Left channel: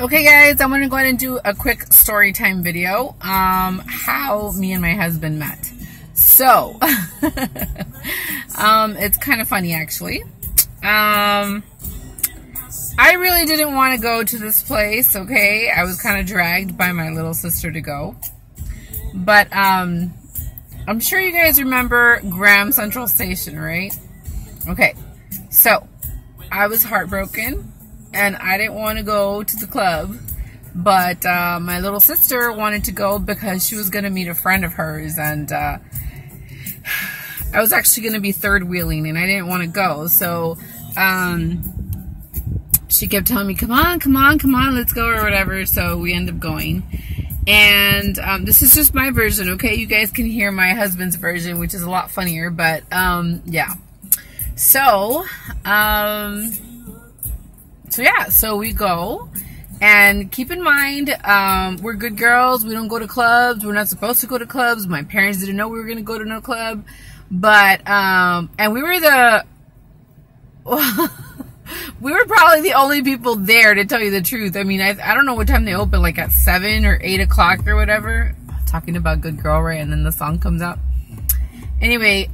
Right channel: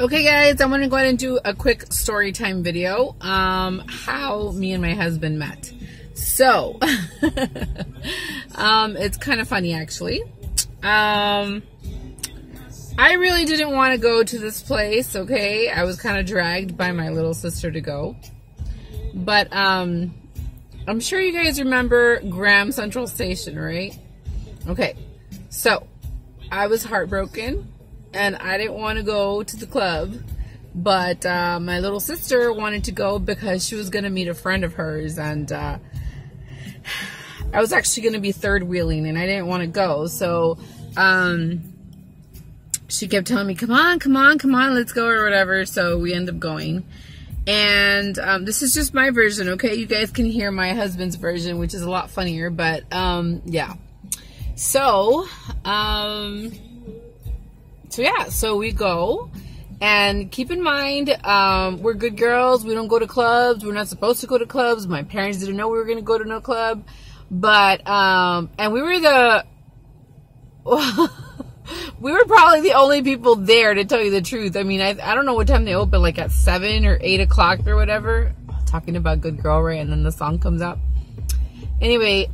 Okay guys, I'm going to go ahead and do a quick story time video, how me and my husband met. So, it's kind of funny actually. I really didn't want to go to this place, okay? I was kind of dragged by my little sister to go. But, I'm sure you guys remember Graham Central Station, right? Okay, so, I was heartbroken. And I didn't want to go to the club, but my little sister wanted to go because she was going to meet a friend of hers, and I was actually going to be third wheeling, and I didn't want to go, so she kept telling me, come on, let's go, or whatever, so we end up going. And this is just my version, okay? You guys can hear my husband's version, which is a lot funnier, but yeah. So, so we go, and keep in mind, we're good girls, we don't go to clubs, we're not supposed to go to clubs, my parents didn't know we were going to go to no club, but, and we were we were probably the only people there, to tell you the truth. I mean, I don't know what time they open, like at 7 or 8 o'clock or whatever, talking about good girl, right, and then the song comes out. Anyway,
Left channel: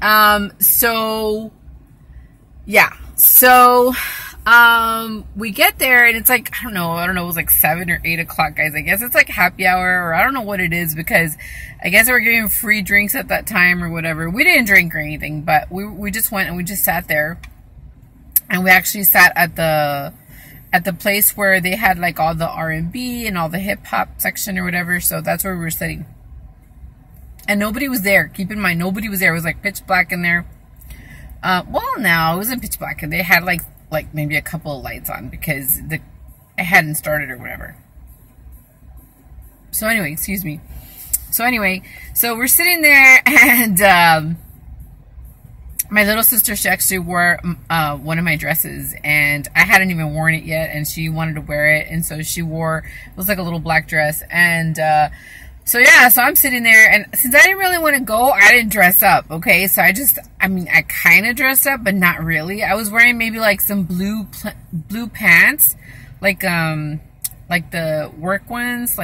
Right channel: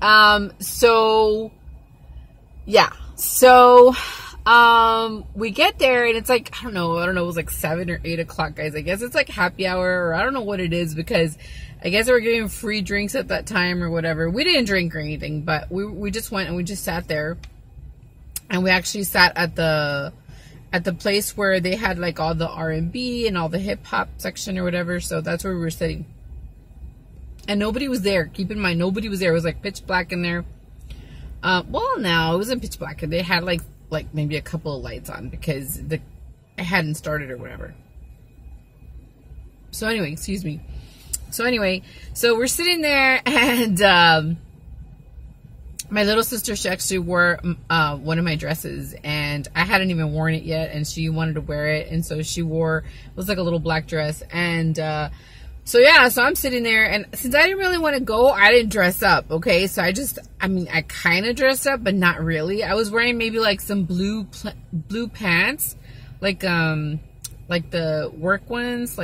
we get there, and it's like, I don't know, it was like 7 or 8 o'clock, guys. I guess it's like happy hour, or I don't know what it is, because I guess they were giving free drinks at that time or whatever. We didn't drink or anything, but we just went and we just sat there, and we actually sat at the place where they had like all the R&B and all the hip-hop section or whatever, so that's where we were sitting. And nobody was there. Keep in mind, nobody was there. It was like pitch black in there. Well, no, it wasn't pitch black. They had like maybe a couple of lights on because it hadn't started or whatever. So anyway, excuse me. So we're sitting there, and my little sister, she actually wore one of my dresses, and I hadn't even worn it yet, and she wanted to wear it, and so she wore, it was like a little black dress, and so I'm sitting there, and since I didn't really want to go, I didn't dress up, okay? So I kind of dressed up, but not really. I was wearing maybe like some blue pants, like the work ones,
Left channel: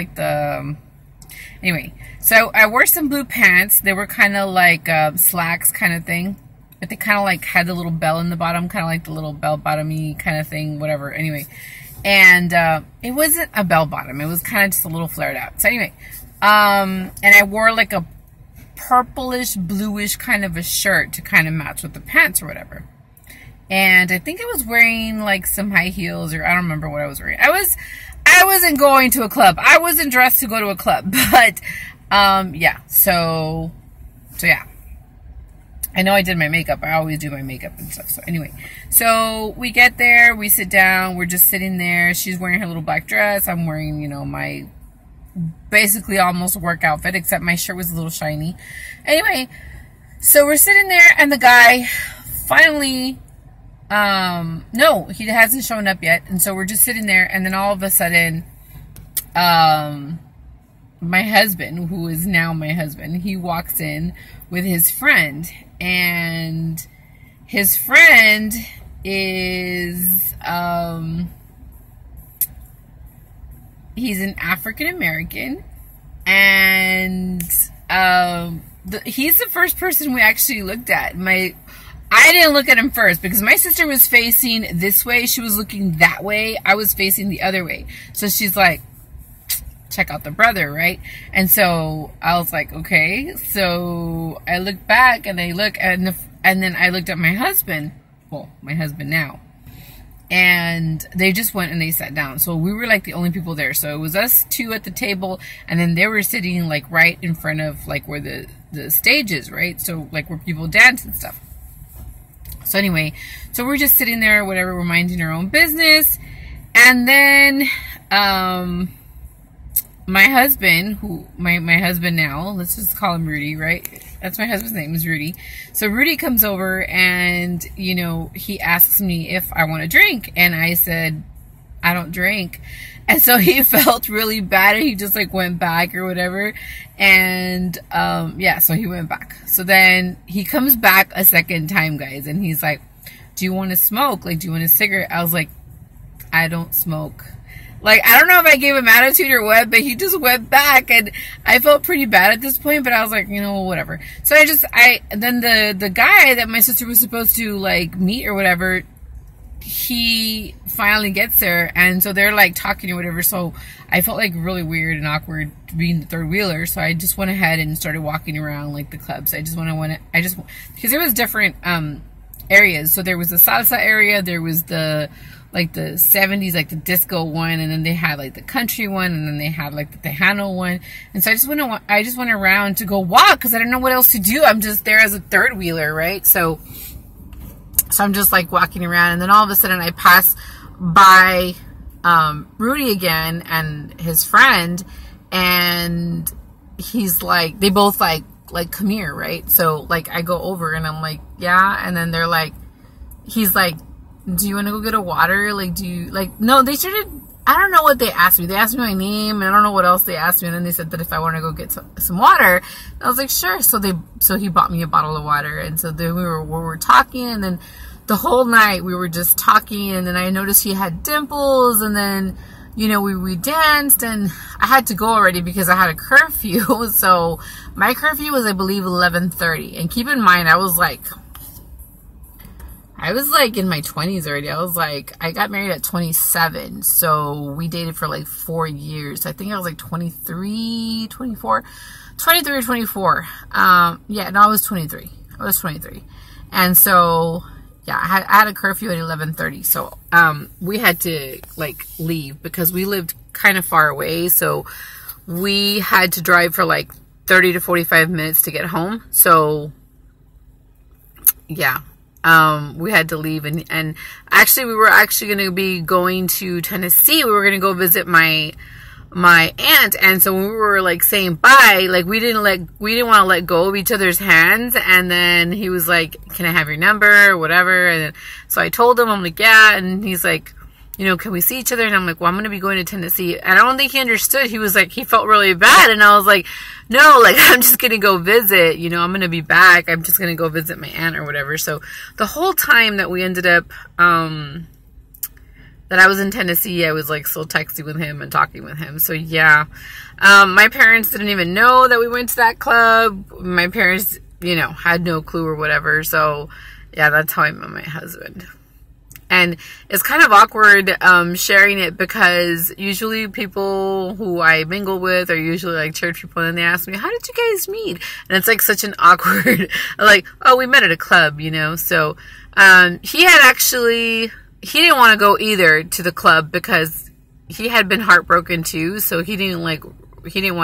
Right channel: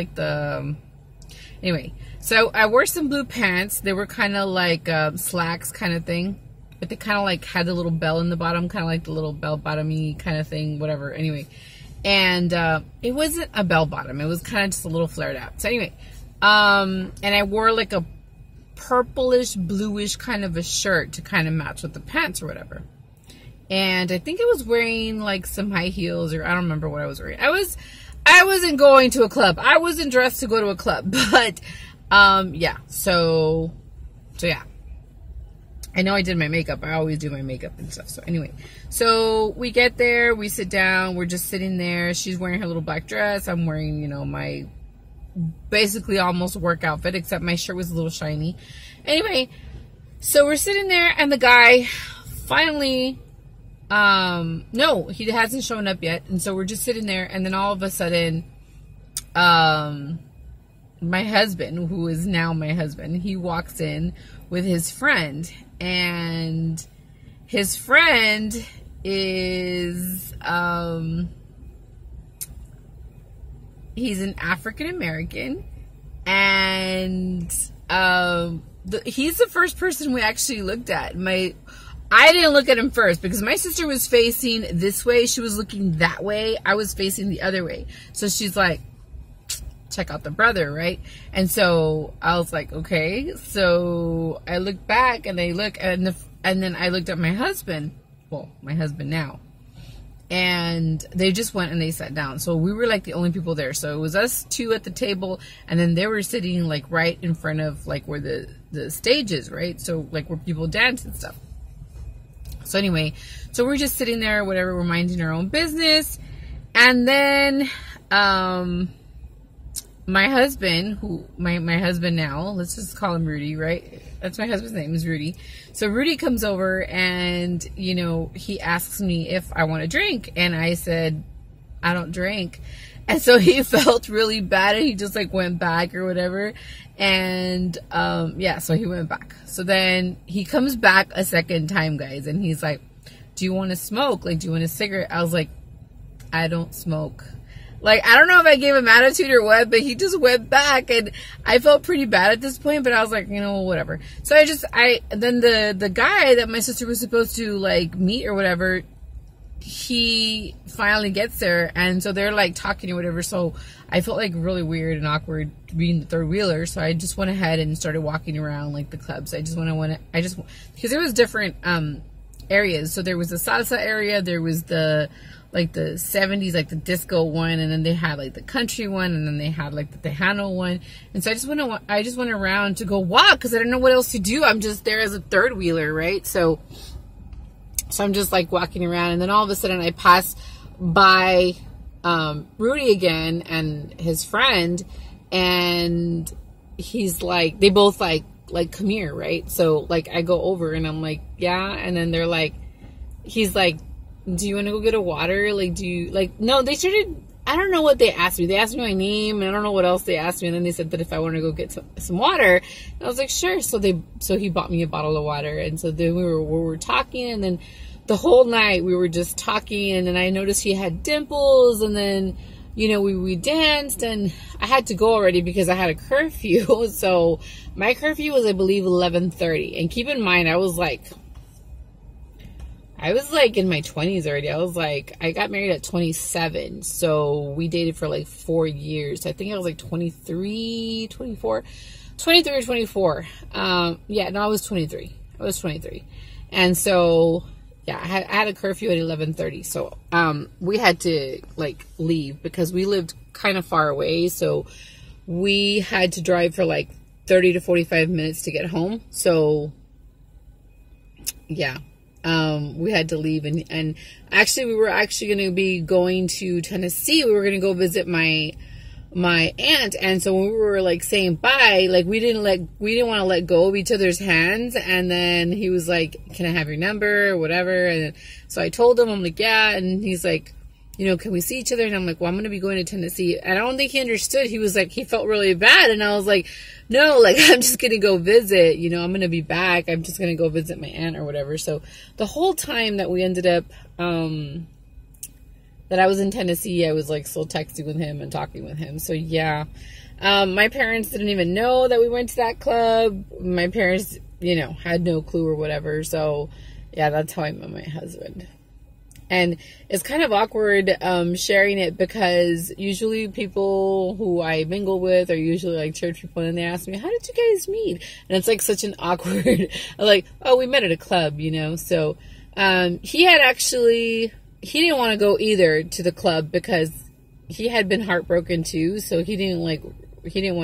anyway. So I wore some blue pants. They were kind of like slacks kind of thing, but they kind of like had the little bell in the bottom, kind of like the little bell bottomy kind of thing, whatever. Anyway, and it wasn't a bell bottom. It was kind of just a little flared out. So anyway. And I wore like a purplish, bluish kind of a shirt to kind of match with the pants or whatever. And I think I was wearing like some high heels, or I don't remember what I was wearing. I wasn't going to a club. I wasn't dressed to go to a club, but, yeah. So yeah. I know I did my makeup. I always do my makeup and stuff. So anyway, so we get there, we sit down, we're just sitting there. She's wearing her little black dress. I'm wearing, my basically almost work outfit, except my shirt was a little shiny. Anyway, so we're sitting there, and the guy finally, no, he hasn't shown up yet, and so we're just sitting there, and then all of a sudden, my husband, who is now my husband, he walks in with his friend, and his friend is, he's an African American, and he's the first person we actually looked at. I didn't look at him first because my sister was facing this way. She was looking that way. I was facing the other way. So she's like, check out the brother, right? And so I was like, okay. So I looked back, and and then I looked at my husband. Well, my husband now. And they just went and they sat down. So we were like the only people there. So it was us two at the table, and then they were sitting like right in front of like where the stage is, right? So like where people dance and stuff. So anyway, so we're just sitting there, whatever, we're minding our own business. And then my husband, my husband now, let's just call him Rudy, right? That's my husband's name, is Rudy. So Rudy comes over, and, he asks me if I want to drink. And I said, I don't drink. And so he felt really bad, and he just, like, went back or whatever. And, yeah, so he went back. So then he comes back a second time, guys, and he's like, do you want to smoke? Like, do you want a cigarette? I was like, I don't smoke. Like, I don't know if I gave him attitude or what, but he just went back, and I felt pretty bad at this point, but I was like, you know, whatever. So then the guy that my sister was supposed to, like, meet or whatever, he finally gets there, and so they're, like, talking or whatever, so I felt, like, really weird and awkward being the third wheeler, so I just went ahead and started walking around, like, the clubs. Because there was different, areas. So there was the salsa area, there was the 70s, like the disco one, and then they had like the country one, and then they had like the Tejano one. And so I just went around to go walk because I didn't know what else to do. I'm just there as a third wheeler, right? So I'm just like walking around, and then all of a sudden I pass by Rudy again and his friend, and he's like, they both like come here, right? So like I go over and I'm like, yeah, and then they're like, he's like, do you want to go get a water? Like, do you, like, no, they started, I don't know what they asked me. They asked me my name, and I don't know what else they asked me, and then they said that if I want to go get some water, and I was like, sure. So he bought me a bottle of water, and so then we were talking, and then the whole night we were just talking, and then I noticed he had dimples, and then, you know, we danced, and I had to go already because I had a curfew, so my curfew was, I believe, 11:30, and keep in mind, I was like in my 20s already. I got married at 27, so we dated for like 4 years. I think I was like 23 or 24. Yeah, no, I was 23. And so, yeah, I had a curfew at 11:30, so we had to like leave because we lived kind of far away, so we had to drive for like 30 to 45 minutes to get home. So, yeah. We had to leave, and actually we were actually going to be going to Tennessee. We were going to go visit my aunt, and so when we were like saying bye, like we didn't want to let go of each other's hands, and then he was like, can I have your number or whatever? And so I told him, I'm like, yeah, and he's like, you know, can we see each other? And I'm like, well, I'm going to be going to Tennessee. And I don't think he understood. He was like, he felt really bad. And I was like, no, like, I'm just going to go visit. You know, I'm going to be back. I'm just going to go visit my aunt or whatever. So the whole time that we ended up, that I was in Tennessee, I was like still texting with him and talking with him. So yeah, my parents didn't even know that we went to that club. My parents, you know, had no clue or whatever. So yeah, that's how I met my husband. And it's kind of awkward sharing it because usually people who I mingle with are usually like church people, and they ask me, how did you guys meet? And it's like such an awkward, like, oh, we met at a club, you know? So he didn't want to go either to the club because he had been heartbroken too, so he didn't want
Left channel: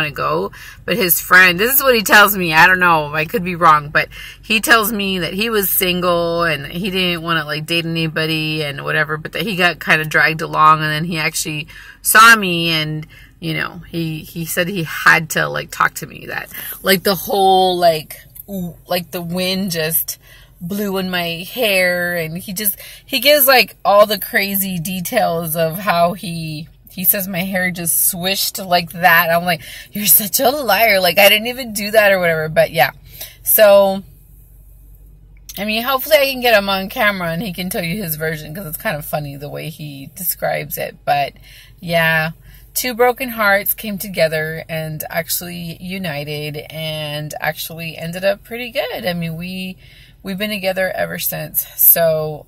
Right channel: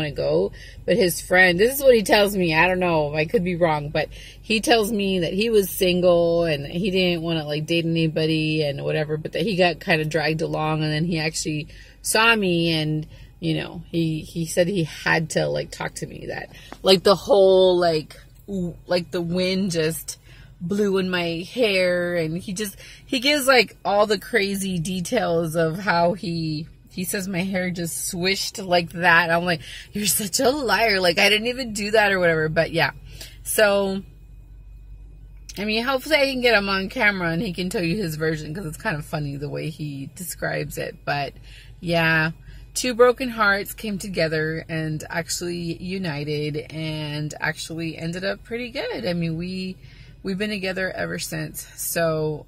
to go. But his friend, this is what he tells me, I don't know, I could be wrong, but he tells me that he was single and he didn't want to like date anybody and whatever, but that he got kind of dragged along, and then he actually saw me, and you know, he said he had to like talk to me, that like the whole like the wind just blew in my hair, and he gives like all the crazy details of how he says my hair just swished like that. I'm like, you're such a liar. Like, I didn't even do that or whatever. But yeah. So, I mean, hopefully I can get him on camera and he can tell you his version, because it's kind of funny the way he describes it. But yeah, two broken hearts came together and actually united and actually ended up pretty good. I mean, we've been together ever since. So,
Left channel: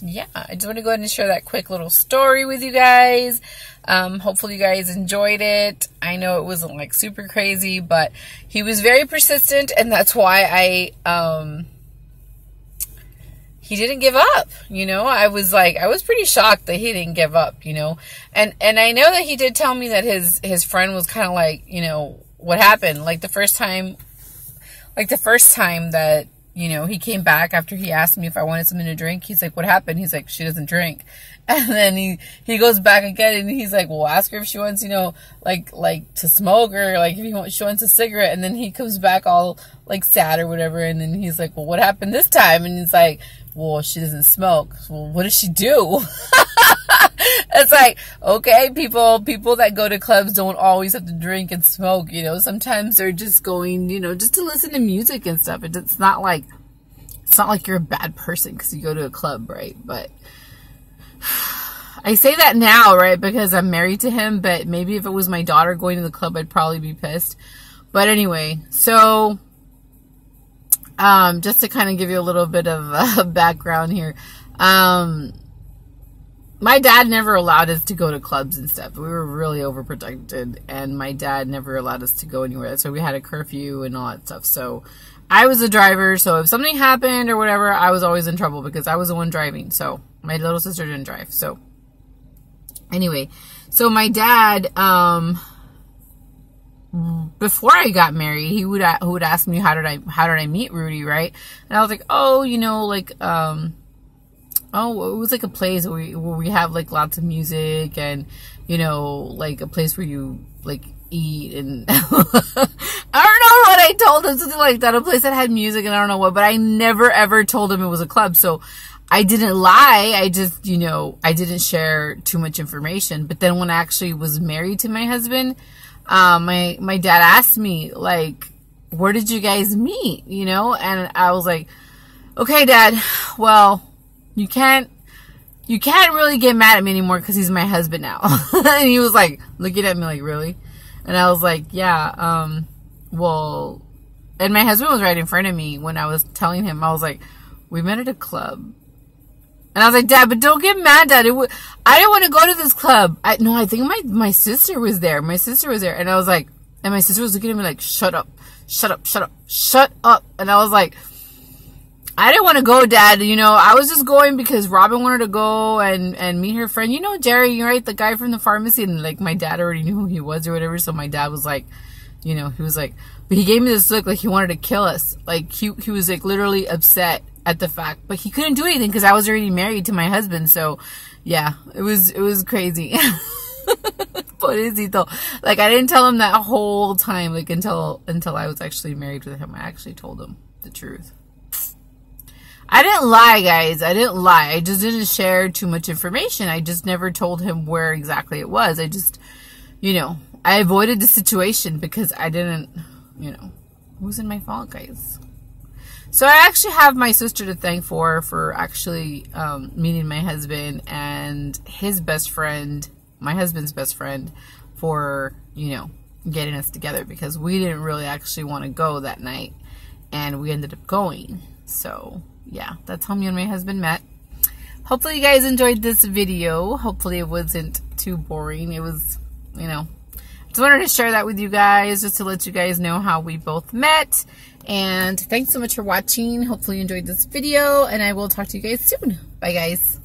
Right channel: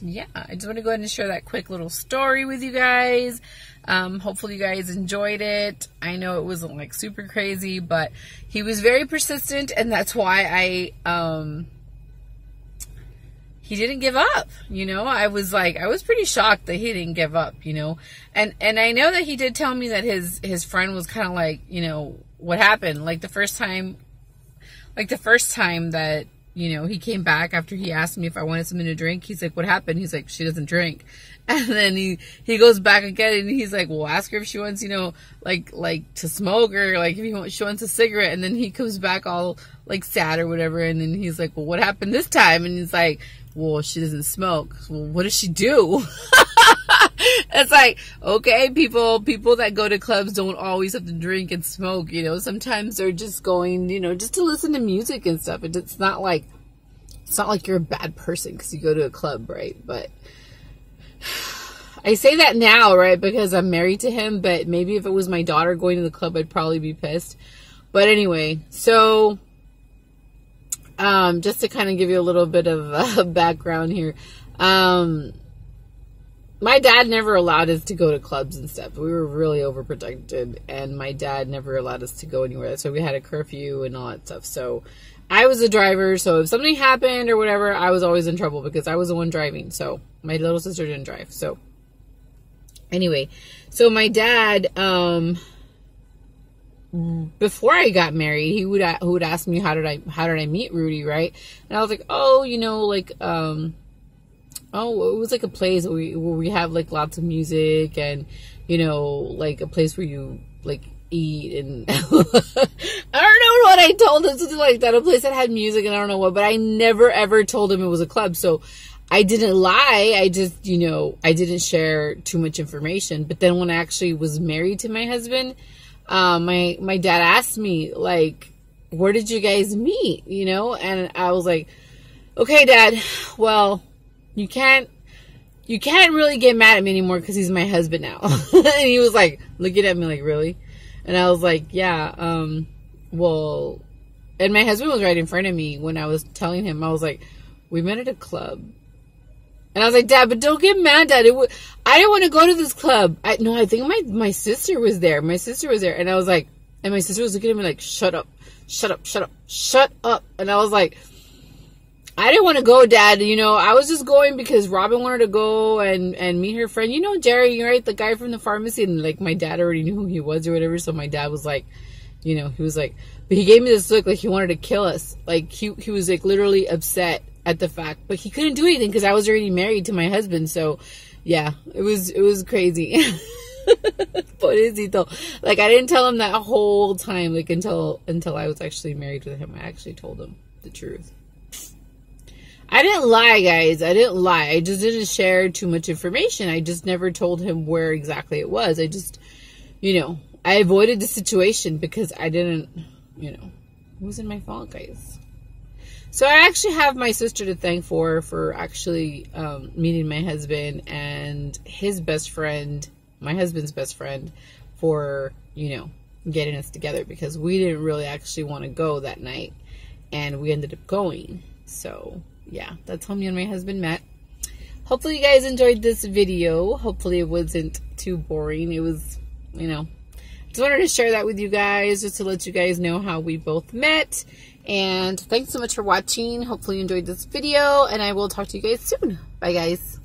yeah, I just want to go ahead and share that quick little story with you guys. Hopefully you guys enjoyed it. I know it wasn't like super crazy, but he was very persistent, and that's why he didn't give up, you know. I was pretty shocked that he didn't give up, you know. And I know that he did tell me that his friend was kind of like, you know, what happened? Like the first time that, you know, he came back after he asked me if I wanted something to drink. He's like, what happened? He's like, she doesn't drink. And then he goes back again, and he's like, well, ask her if she wants, you know, like to smoke, or like if she wants a cigarette. And then he comes back all like sad or whatever. And then he's like, well, what happened this time? And he's like, well, she doesn't smoke. Well, what does she do? It's like, okay, people that go to clubs don't always have to drink and smoke, you know. Sometimes they're just going, you know, just to listen to music and stuff. It's not like you're a bad person because you go to a club, right? But I say that now, right, because I'm married to him, but maybe if it was my daughter going to the club, I'd probably be pissed. But anyway, so just to kind of give you a little bit of background here, my dad never allowed us to go to clubs and stuff. We were really overprotected, and my dad never allowed us to go anywhere. So we had a curfew and all that stuff. So I was the driver, so if something happened or whatever, I was always in trouble because I was the one driving. So my little sister didn't drive. So anyway, so my dad, before I got married, he would ask me how did I meet Rudy, right? And I was like, oh, you know, like oh, it was like a place where we have like lots of music and, you know, like a place where you like eat and I don't know what I told him, something like that, a place that had music and I don't know what, but I never ever told him it was a club. So I didn't lie. I just, you know, I didn't share too much information. But then when I actually was married to my husband, my dad asked me, like, where did you guys meet? You know? And I was like, okay, Dad, well, you can't really get mad at me anymore because he's my husband now. And he was like, looking at me like, really? And I was like, yeah, well, and my husband was right in front of me when I was telling him. I was like, we met at a club. And I was like, Dad, but don't get mad, Dad. I didn't want to go to this club. I think my sister was there. My sister was there. And I was like, and my sister was looking at me like, shut up, shut up, shut up, shut up. And I was like, I didn't want to go, Dad. You know, I was just going because Robin wanted to go and meet her friend. You know, Jerry, you're right, the guy from the pharmacy. And like, my dad already knew who he was or whatever. So my dad was like, you know, he was like, but he gave me this look like he wanted to kill us. Like, he was like literally upset at the fact, but he couldn't do anything because I was already married to my husband. So yeah, it was crazy. Pobrecito. Like, I didn't tell him that whole time, like until I was actually married with him. I actually told him the truth. I didn't lie, guys. I didn't lie. I just didn't share too much information. I just never told him where exactly it was. I just, you know, I avoided the situation because I didn't, you know, it wasn't my fault, guys. So I actually have my sister to thank for actually meeting my husband and his best friend, my husband's best friend, for, you know, getting us together because we didn't really actually want to go that night and we ended up going. So yeah, that's how me and my husband met. Hopefully you guys enjoyed this video. Hopefully it wasn't too boring. It was, you know, just wanted to share that with you guys just to let you guys know how we both met. And thanks so much for watching. Hopefully you enjoyed this video and I will talk to you guys soon. Bye, guys.